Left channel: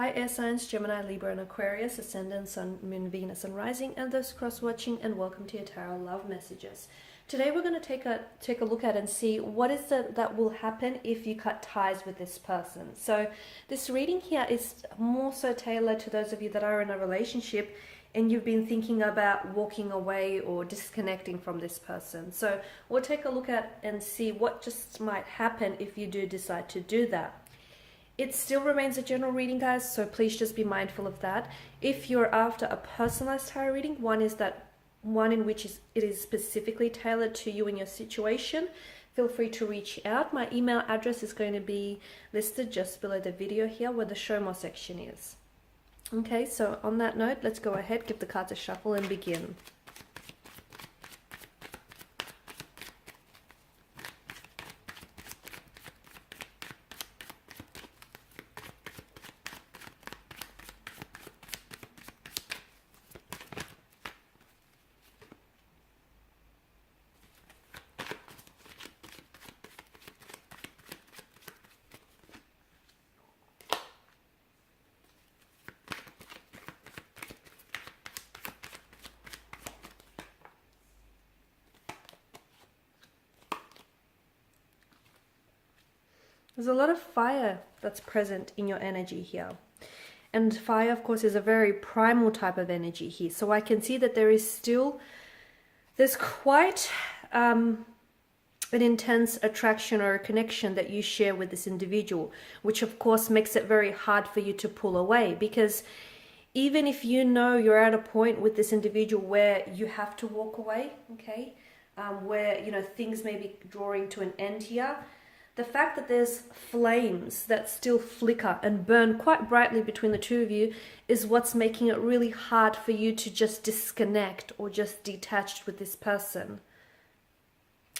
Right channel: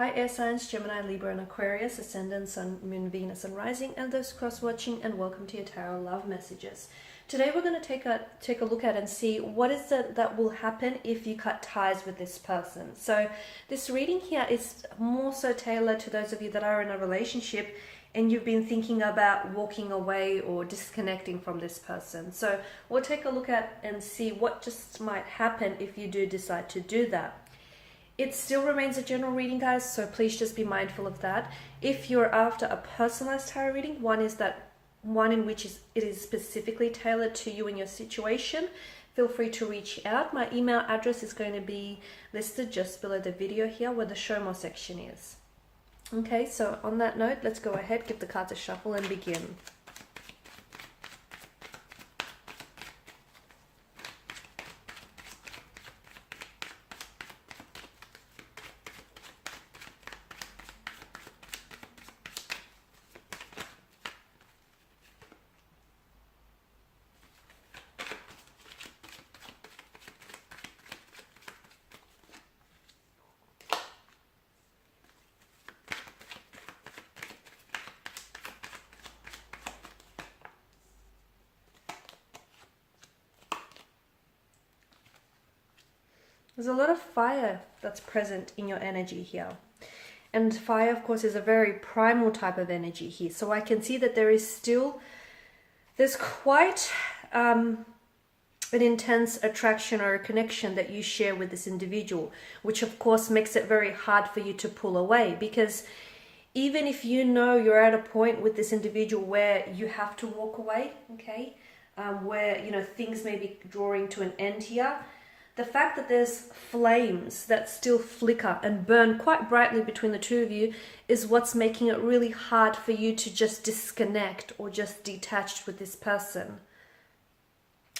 Hi air signs, Gemini, Libra and Aquarius, Ascendant, Sun, Moon, Venus and Rising, and those cross-watching, and welcome to your Tarot Love Messages. Today we're going to take a look at and see what is it that will happen if you cut ties with this person. So this reading here is more so tailored to those of you that are in a relationship and you've been thinking about walking away or disconnecting from this person. So we'll take a look at and see what just might happen if you do decide to do that. It still remains a general reading, guys, so please just be mindful of that. If you're after a personalized tarot reading, one in which it is specifically tailored to you and your situation, feel free to reach out. My email address is going to be listed just below the video here where the show more section is. Okay, so on that note, let's go ahead, give the cards a shuffle and begin. There's a lot of fire that's present in your energy here. And fire, of course, is a very primal type of energy here. So I can see that there's quite an intense attraction or a connection that you share with this individual, which of course makes it very hard for you to pull away, because even if you know you're at a point with this individual where you have to walk away, okay, where, you know, things may be drawing to an end here, the fact that there's flames that still flicker and burn quite brightly between the two of you is what's making it really hard for you to just disconnect or just detach with this person.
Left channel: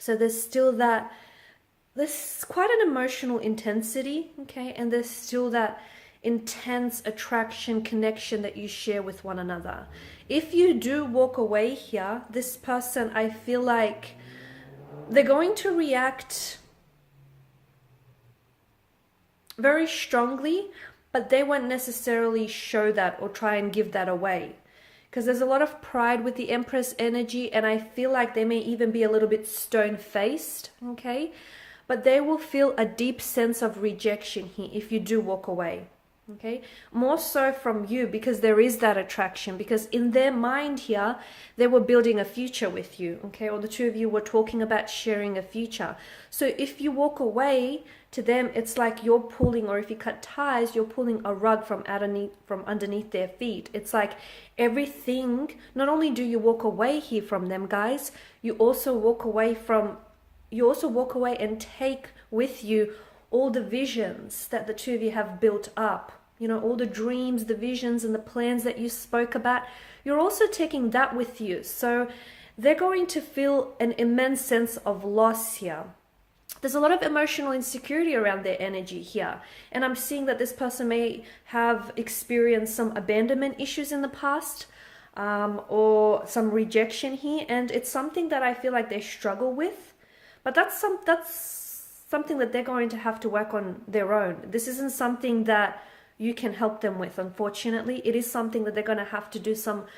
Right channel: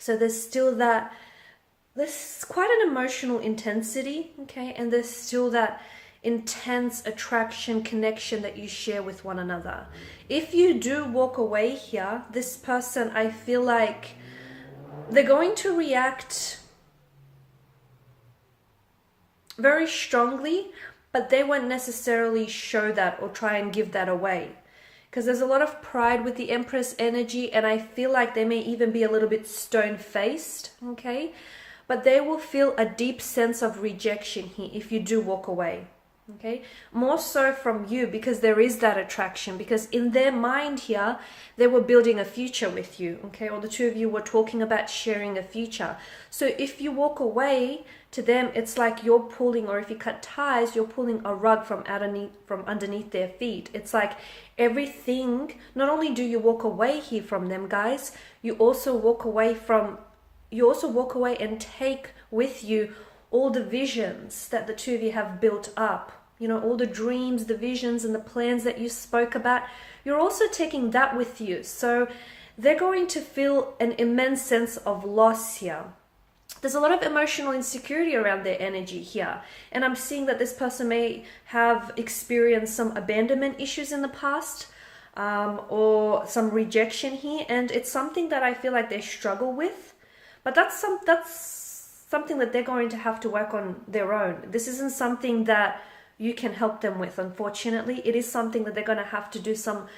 So there's quite an emotional intensity, okay, and there's still that intense attraction, connection that you share with one another. If you do walk away here, this person, I feel like they're going to react very strongly, but they won't necessarily show that or try and give that away, because there's a lot of pride with the Empress energy, and I feel like they may even be a little bit stone-faced, okay, but they will feel a deep sense of rejection here if you do walk away, okay, more so from you, because there is that attraction, because in their mind here they were building a future with you, okay, or the two of you were talking about sharing a future. So if you walk away, to them it's like you're pulling, or if you cut ties, you're pulling a rug from underneath their feet. It's like everything, not only do you walk away here from them, guys, you also walk away and take with you all the visions that the two of you have built up, you know, all the dreams, the visions and the plans that you spoke about. You're also taking that with you. So they're going to feel an immense sense of loss here. There's a lot of emotional insecurity around their energy here. And I'm seeing that this person may have experienced some abandonment issues in the past, or some rejection here. And it's something that I feel like they struggle with. But that's something that they're going to have to work on their own. This isn't something that you can help them with, unfortunately. It is something that they're going to have to do some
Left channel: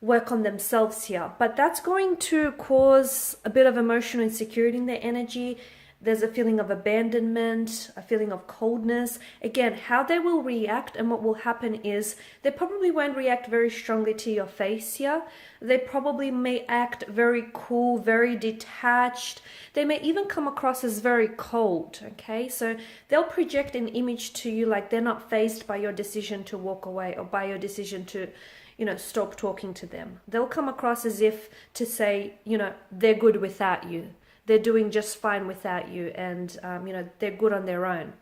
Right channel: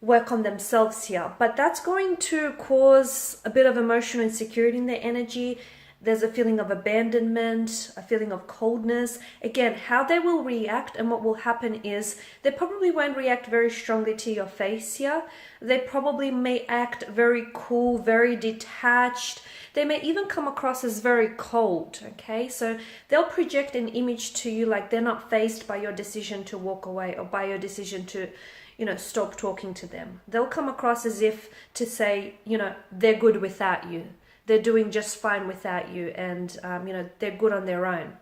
work on themselves here. But that's going to cause a bit of emotional insecurity in their energy. There's a feeling of abandonment, a feeling of coldness. Again, how they will react and what will happen is they probably won't react very strongly to your face here. They probably may act very cool, very detached. They may even come across as very cold, okay? So they'll project an image to you like they're not fazed by your decision to walk away or by your decision to, you know, stop talking to them. They'll come across as if to say, you know, they're good without you. They're doing just fine without you, and, you know, they're good on their own.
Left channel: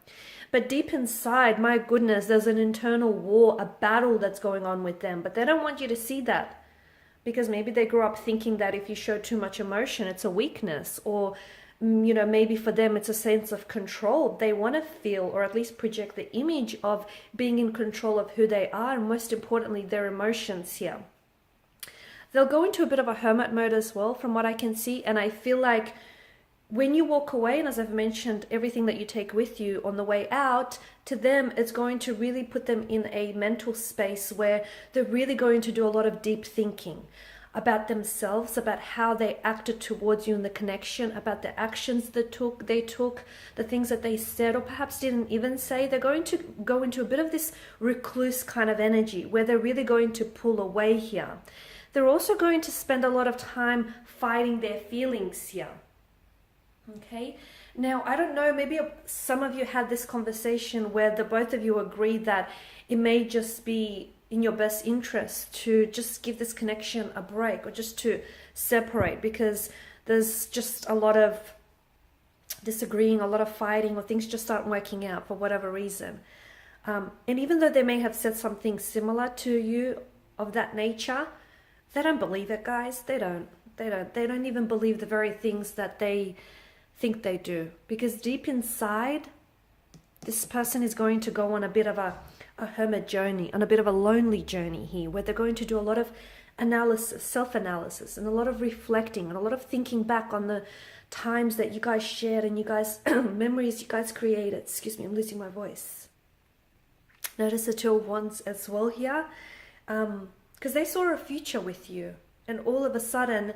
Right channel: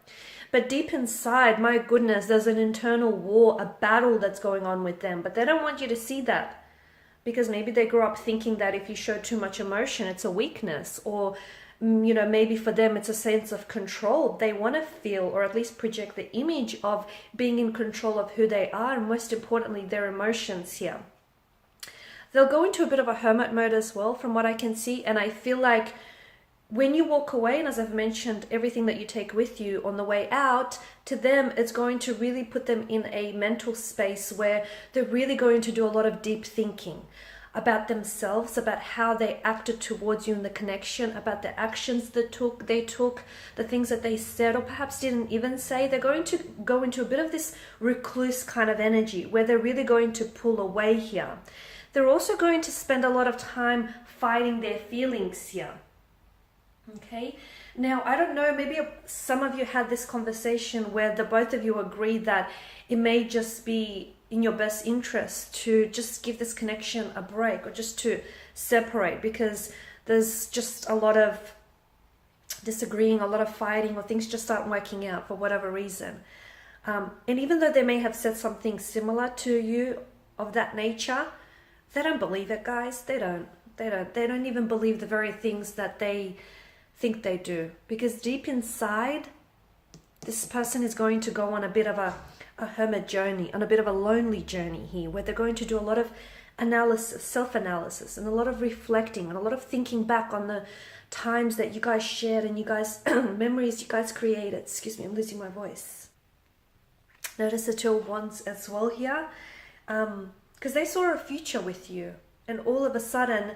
But deep inside, my goodness, there's an internal war, a battle that's going on with them. But they don't want you to see that, because maybe they grew up thinking that if you show too much emotion, it's a weakness. Or, you know, maybe for them it's a sense of control. They want to feel, or at least project the image of being in control of who they are, and most importantly, their emotions here. They'll go into a bit of a hermit mode as well, from what I can see. And I feel like when you walk away, and as I've mentioned, everything that you take with you on the way out, to them, it's going to really put them in a mental space where they're really going to do a lot of deep thinking about themselves, about how they acted towards you in the connection, about the actions that they took, the things that they said or perhaps didn't even say. They're going to go into a bit of this recluse kind of energy where they're really going to pull away here. They're also going to spend a lot of time fighting their feelings here. Okay, now I don't know, maybe some of you had this conversation where the both of you agreed that it may just be in your best interest to just give this connection a break, or just to separate, because there's just a lot of disagreeing, a lot of fighting, or things just aren't working out for whatever reason. And even though they may have said something similar to you of that nature, they don't believe it, guys. They don't even believe the very things that they think they do, because deep inside, this person is going to go on a bit of a hermit journey, on a bit of a lonely journey here, where they're going to do a lot of analysis, self-analysis, and a lot of reflecting, and a lot of thinking back on the times that you guys shared and you guys memories you guys created. Excuse me, I'm losing my voice. Notice the Two of Wands as well here, because they saw a future with you, and all of a sudden,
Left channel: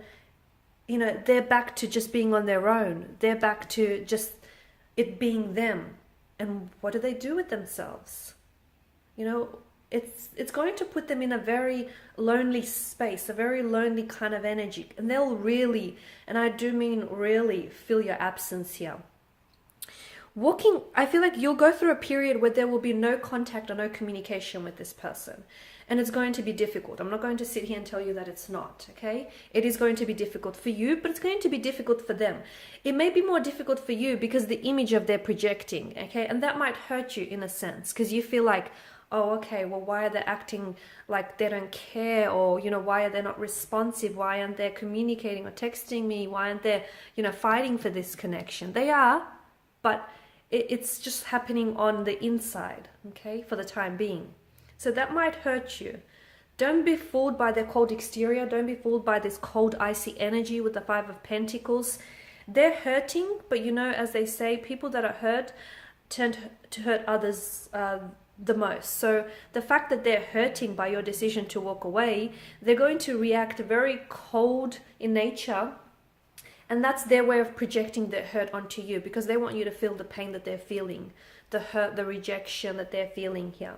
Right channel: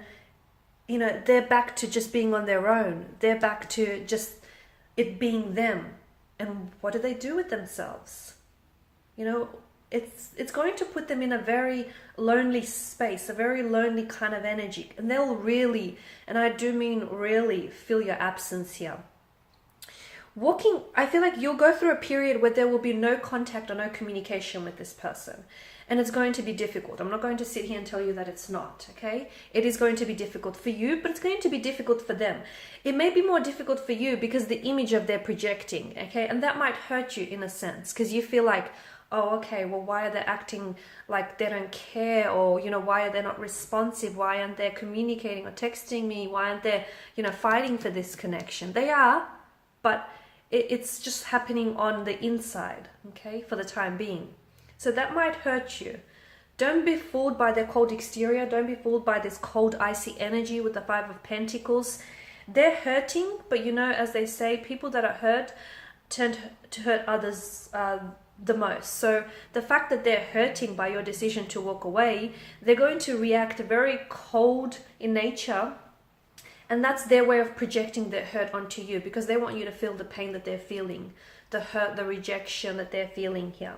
you know, they're back to just being on their own. They're back to just it being them. And what do they do with themselves? You know, it's going to put them in a very lonely space, a very lonely kind of energy. And they'll really, and I do mean really, feel your absence here. I feel like you'll go through a period where there will be no contact or no communication with this person. And it's going to be difficult. I'm not going to sit here and tell you that it's not, okay? It is going to be difficult for you, but it's going to be difficult for them. It may be more difficult for you because the image of they're projecting, okay? And that might hurt you in a sense, because you feel like, oh, okay, well, why are they acting like they don't care? Or, you know, why are they not responsive? Why aren't they communicating or texting me? Why aren't they, you know, fighting for this connection? They are, but it's just happening on the inside, okay, for the time being. So that might hurt you. Don't be fooled by their cold exterior. Don't be fooled by this cold, icy energy with the Five of Pentacles. They're hurting, but you know, as they say, people that are hurt tend to hurt others the most. So the fact that they're hurting by your decision to walk away, they're going to react very cold in nature. And that's their way of projecting their hurt onto you, because they want you to feel the pain that they're feeling, the hurt, the rejection that they're feeling here.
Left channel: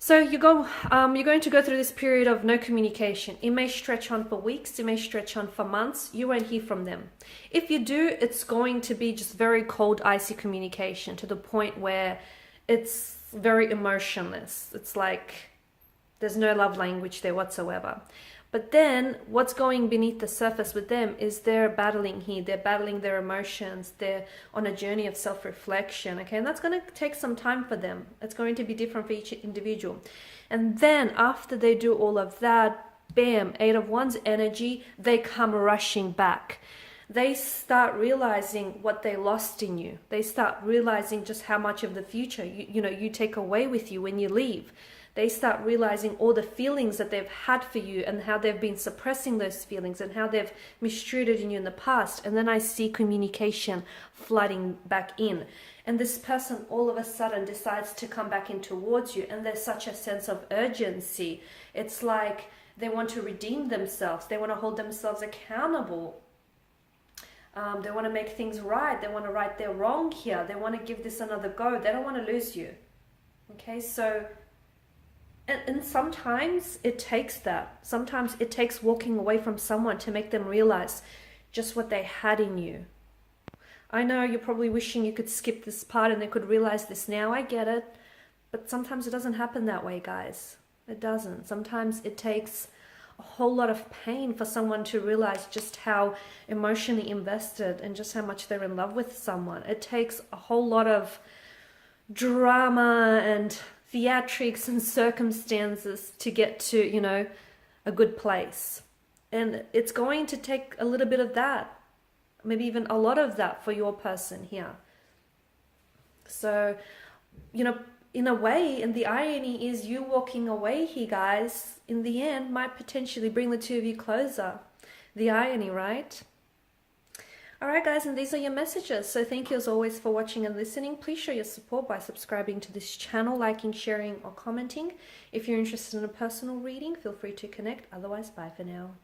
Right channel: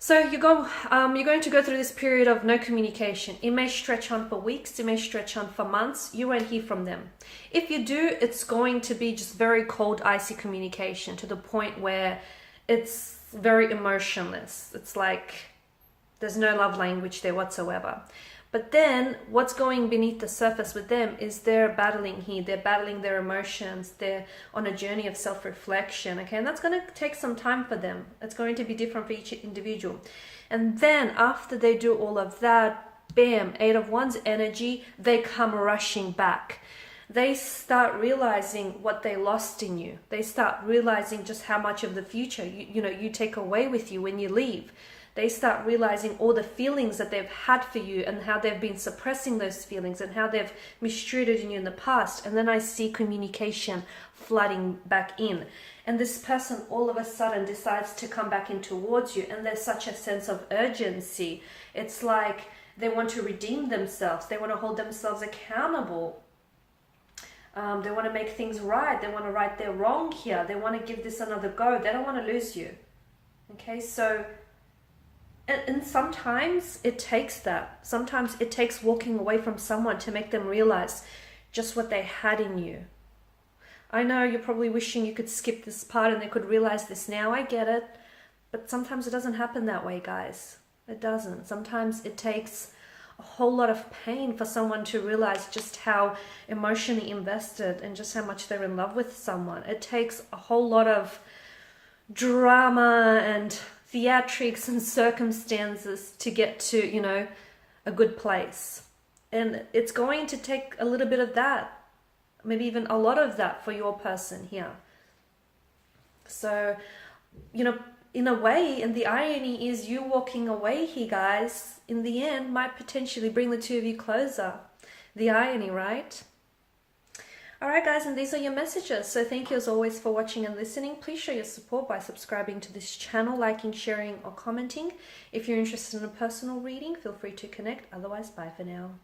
So you're going to go through this period of no communication. It may stretch on for weeks. It may stretch on for months. You won't hear from them. If you do, it's going to be just very cold, icy communication, to the point where it's very emotionless. It's like there's no love language there whatsoever. But then what's going beneath the surface with them is they're battling here. They're battling their emotions. They're on a journey of self-reflection. Okay, and that's going to take some time for them. It's going to be different for each individual. And then after they do all of that, bam, Eight of Wands energy, they come rushing back. They start realizing what they lost in you. They start realizing just how much of the future you take away with you when you leave. They start realizing all the feelings that they've had for you, and how they've been suppressing those feelings, and how they've mistreated you in the past. And then I see communication flooding back in. And this person all of a sudden decides to come back in towards you. And there's such a sense of urgency. It's like they want to redeem themselves. They want to hold themselves accountable. They want to make things right. They want to right their wrong here. They want to give this another go. They don't want to lose you. Okay, so... And sometimes it takes that. Sometimes it takes walking away from someone to make them realize just what they had in you. I know you're probably wishing you could skip this part and they could realize this now. I get it. But sometimes it doesn't happen that way, guys. It doesn't. Sometimes it takes a whole lot of pain for someone to realize just how emotionally invested and just how much they're in love with someone. It takes a whole lot of drama and theatrics and circumstances to get to, a good place. And it's going to take a little bit of that, maybe even a lot of that for your person here. So, in a way, and the irony is you walking away here, guys, in the end might potentially bring the two of you closer. The irony, right? Alright guys, and these are your messages. So thank you as always for watching and listening. Please show your support by subscribing to this channel, liking, sharing or commenting. If you're interested in a personal reading, feel free to connect. Otherwise, bye for now.